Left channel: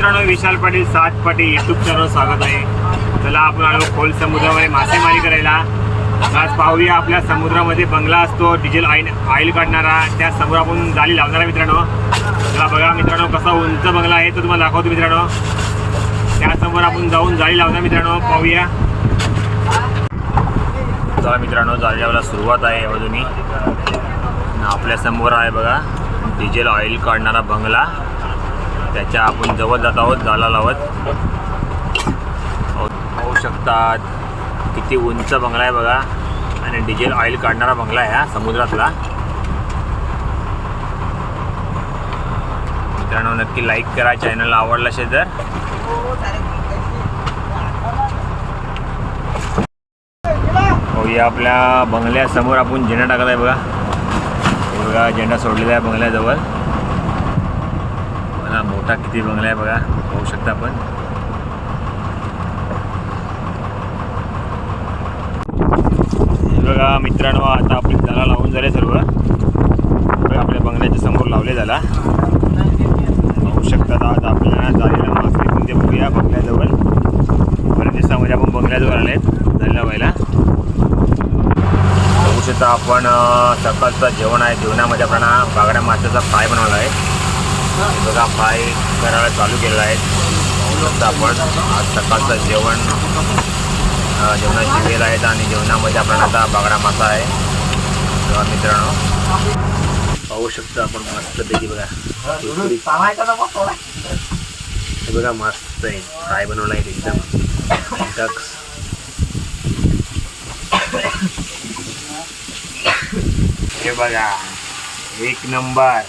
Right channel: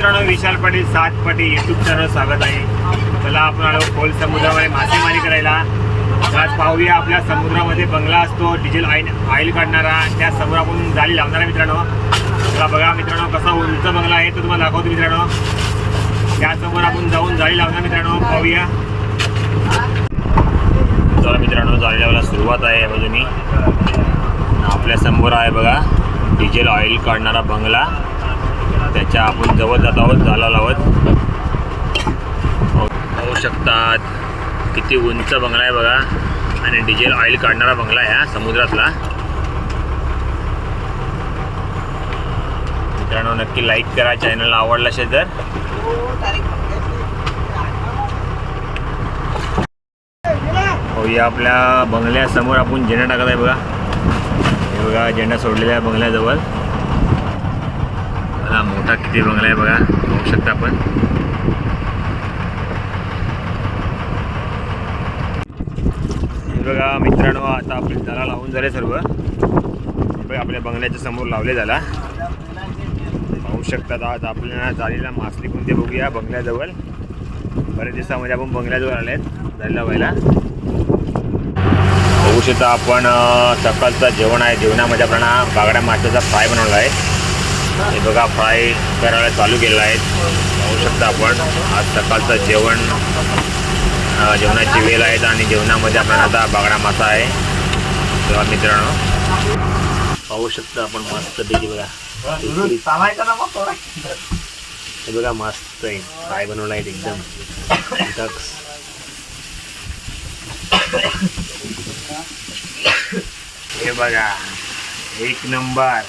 मित्रांनो, विशाल पाटील 7 पाटी YouTube channel स्वागत आहे. चला आपण आलो खोल समुद्रामध्ये मासेमारी करायला. आज पाहूया आपल्या समुद्रामध्ये बंगला असतो डिझेल ऑइल काढणारा, त्या समोर आपण जाळी लावणारा मित्रांनो. चला बघा मित्रांनो, कसा उंच बंगला आहे तो तुम्हाला दाखवतो मित्रांनो. त्यासमोर आपण जाऊन जाळी लावणार मित्रांनो, पाहूया. चला मित्रांनो, जाळी लावायला सुरुवात आहे बाजूनी. आपल्या समोर आहे बघा डिझेल ऑइल काढणारा बंगला. त्याच्या आपण जवळ जात आहोत जाळा लावत. पाहू शकतात किती उंच बंगला आहे बघा, आणि डिझेल ऑइल काढणारा बंगला आहे हा समुद्रातला. मित्रांनो, नक्की लाईक करा, चॅनलला आवडला असेल तर. या आपल्या बंगल्यासमोर आपण झेंडा टाकत आहे बघा. हे बघा झेंडा सोडलेला आहे बंगल्याजवळ. मला मोठा किती बंगला आहे बघा, पाहू शकता आपण. हे बघा मित्रांनो, आता आपली जाळा लावून झाले सर्व. बघा आपल्या बंगल्याच्या समोर लावले झाला. पाहू शकतात आज आपल्या जाळीला मासले कोणते बघूया बंगल्याजवळ. बऱ्याच दिवसामध्ये आपण बंगल्याजवळ आले आहेत जाळी लावायला. बघू शकता आपण सकाळचं जेवण आहे. जेवणामध्ये आपण बागड्या माशाचा फ्राय बनवला आहे. हे बघा फ्राय करायला चालू केलेला आहे. पाहू शकता आपण आज सकाळचं जेवणाची वेळ आहेत, आणि जेवणामध्ये आपण आता बागडा मासा आहे. तेव्हा मित्रांनो पाहू शकता आपण मस्तपैकी बघा. हे बघा मस्त आहे, फ्राय बनवला आहे एकदम. हे बघा एक नंबर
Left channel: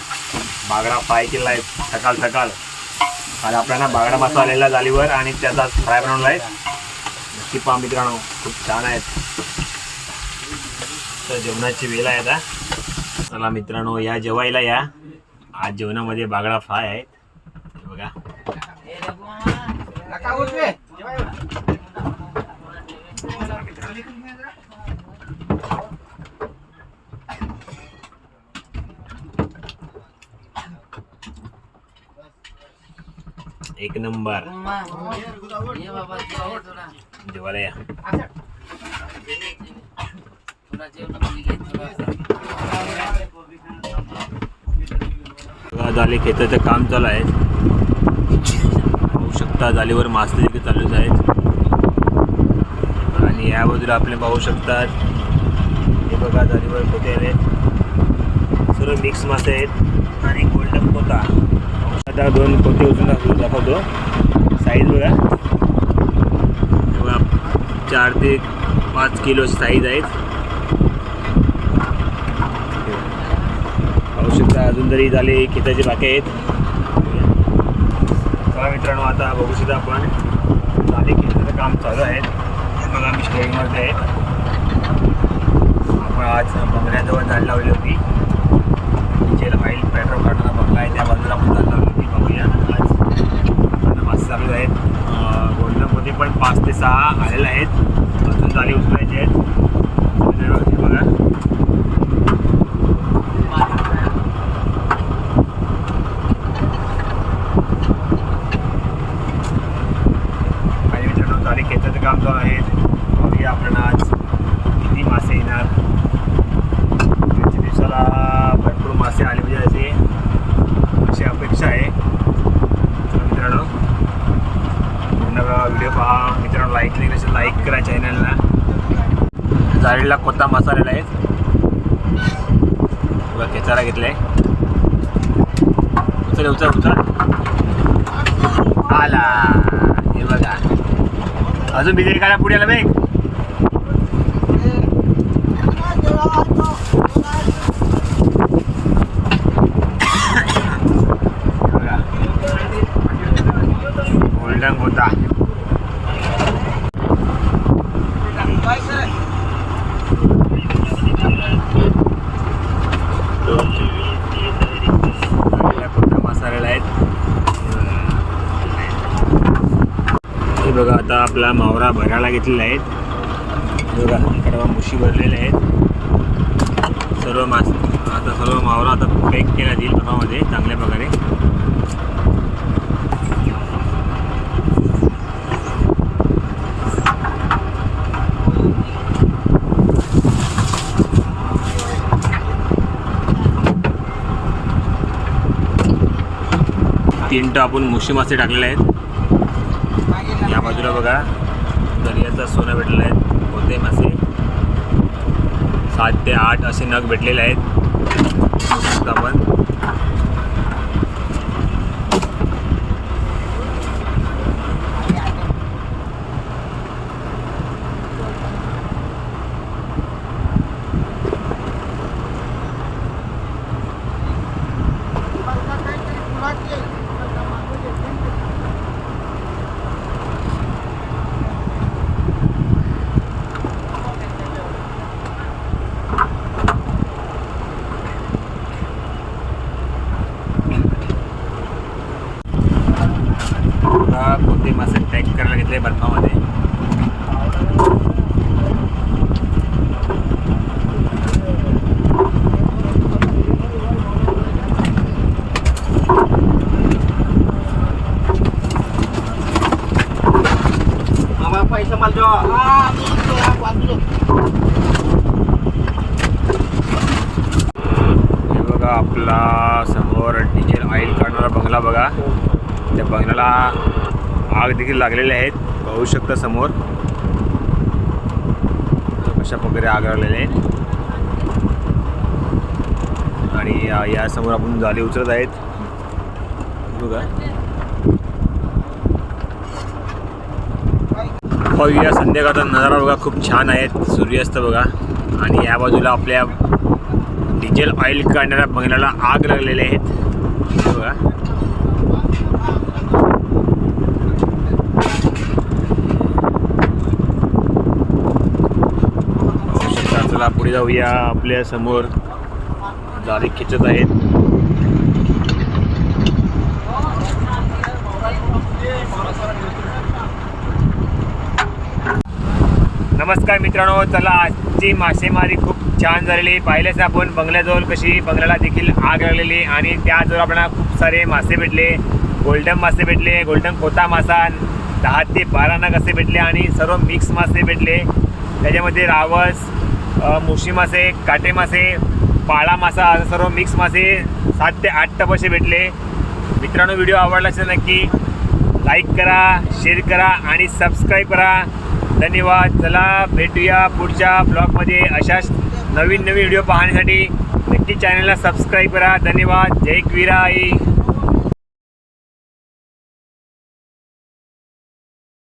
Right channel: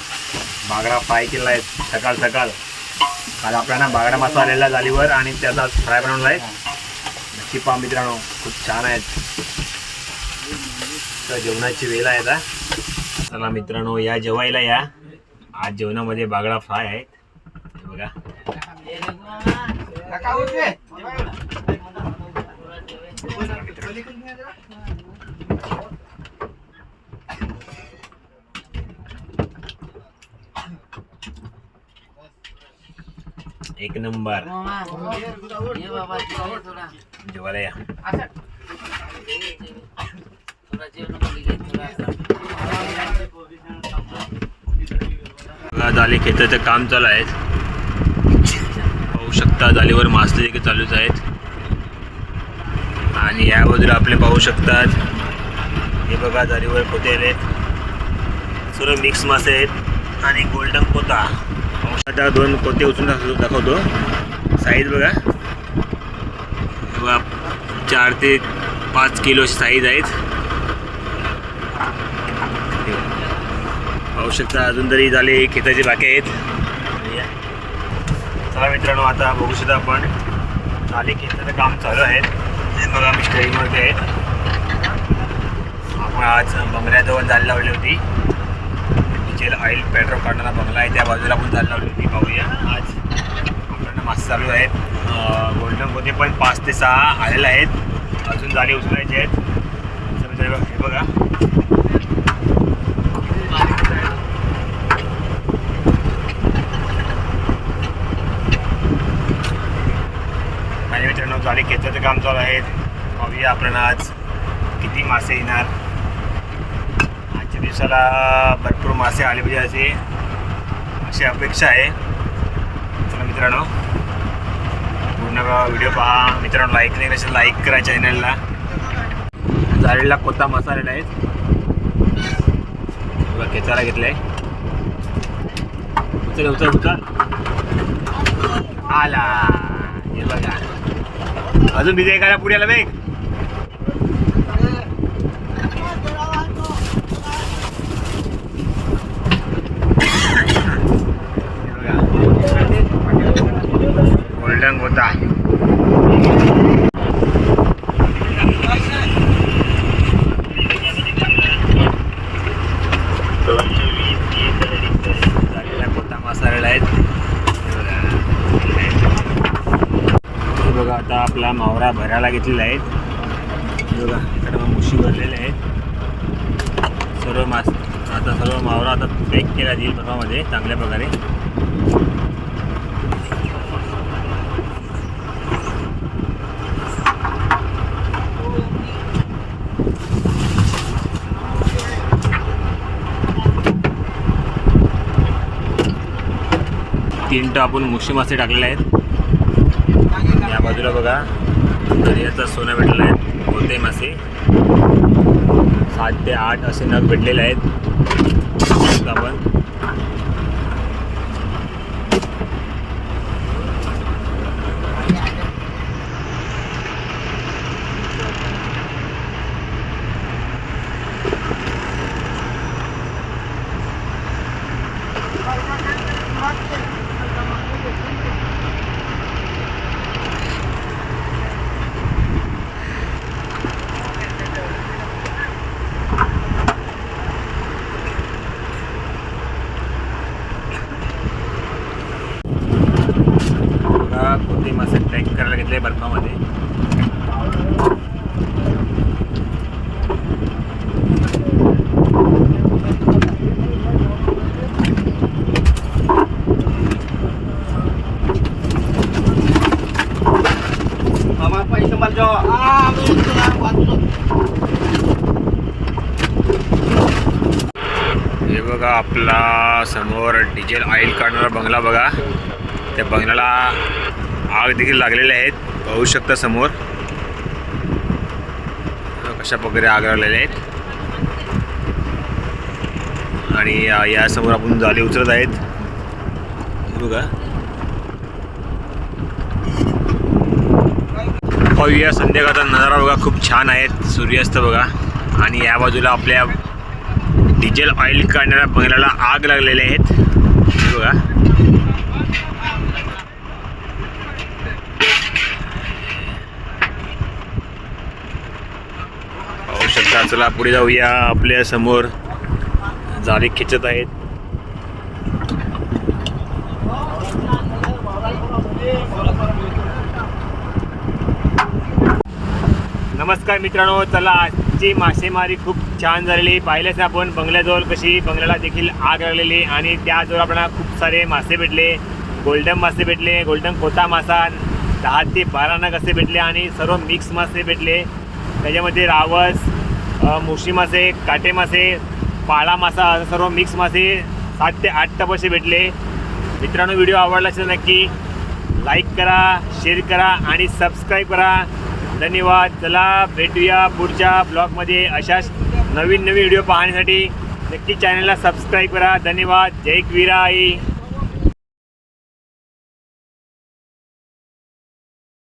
बागडा फ्राय केला आहे सकाळ सकाळ. आज आपल्याला बागडा मासा आलेला जाळीवर, आणि त्याचा फ्राय बनवला आहे. नक्की पहा मित्रांनो, खूप छान आहेत. तर जेवणाची वेळ आहे आता. चला मित्रांनो, या जेवायला या. आज जेवणामध्ये बागडा फ्राय आहेत. हे बघा एक नंबर. जेवायला या. जाळी खेचायचं काम चालू आहे. पाहू शकता जाळीवर मासे देखील चालूच आहेत. आणि या बाजूला आपले पाहू शकतात हे बघा जाळीवर कोते आलेत. सर्व मिक्स मासे आहेत आणि गोल्डन कोता. आता 2 कोते उचलून दाखवतो. साईज बघा, बघा 4 ते 5 किलो अशी साईज आहेत. पाहू शकता अजून तरी झाले खेताचे बाकी आहेत. चला मित्रांनो, आता बघू शकता आपण झाले खेताचं काम चालू आहे. बघा मिस्टरीमध्ये आहेत. आपण आज बंगल्याजवळ जाळी लावली होती. डिझेल ऑइल पेट्रोल काढणारा बंगला आहे, त्या बाजूला आपण जाळी लावली होती. पाहूया आज आपल्याला मासे चालू आहेत. गोल्डनमध्ये पण 5 ते 6 आलेले आहेत. अजून जाळी उचलायचे आहेत. बघा आणि मित्रांनो, जाळी खेचायचं काम चालू आहे. पाहूया आपल्याला आज किती मासे येणार. आजच्या दिवसाला भरपूर मासे आले पाहिजे अशी अपेक्षा आहे. चला मित्रांनो, पूर्ण व्हिडिओ पहा. मित्रांनो, लाईक नाही असेल लाईक करा चॅनलला. जाळीला कोता मासा आलेला आहे. बघा खेचायला घेतलं आहे. उचल आला. हे बघा अजून बिजे एखाद्या पुढ्याला बेग. बघा गोल्डन होता. कोणता मसालेला आहेत. हे बघा आता आपला मावरा भरायला घेतलेला आहे. बघा इकडे मुशी भरलेले आहेत सर्व मास. आता सर्व मावरा आता पॅक केला जाईल बर्फामध्ये चांगल्या प्रकारे. 3 टप आपण मुशी मासे टाकलेले आहेत. या बाजूला बघा दर्याचा सोना भेटलेला आहे. कोणते मासे 7 ते 8 असे नग भेटलेले आहेत. आपण कोणते मासे पॅक करायला घेतले बर्फामध्ये. हे बघा आपला समोर डिझेल ऑइल काढणारा बंगला बघा. त्या बंगल्याला आग देखील लागलेले आहेत. पाहू शकता समोर कशा प्रकारे आग लागलेले आहेत. आणि या समोर आपण जाळी उचलत आहेत बघा. पाहूया संध्याकाळचा नजारा बघा. खूप छान आहेत. सूर्यास्त बघा. आणि या बाजूला आपल्या डिझेल ऑइल काढणाऱ्या बंगल्याला आग लागलेले आहेत बघा. पाहू शकता. चला पुढे जाऊया. आपल्या समोर जाळी खेचत आहेत. नमस्कार मित्रांनो. चला आजची मासेमारी खूप छान झालेली. पाहिलेच ना आपण बंगल्याजवळ कशी बंगल्याला देखील आग लागलेली. आणि त्याजवळ आपल्याला खूप सारे मासे भेटले. गोल्डन मासे भेटले. गोल्डन कोता मासा 10 ते 12 नग असे भेटले. आणि सर्व मिक्स मासे भेटले. त्याच्यामध्ये रावस, मुशी मासे, काटे मासे, पाळा मासा असं सर्व मिक्स मासे 7 ते 8 टप असे भेटले. मित्रांनो व्हिडिओ आवडला असेल नक्की लाईक करा, शेअर करा आणि सबस्क्राईब करा. धन्यवाद. चला भेटूया पुढच्या ब्लॉगमध्ये. अशाच नवीन व्हिडिओ पाहण्यासाठी नक्की चॅनलला सबस्क्राईब करा. धन्यवाद. जय क्वीराई.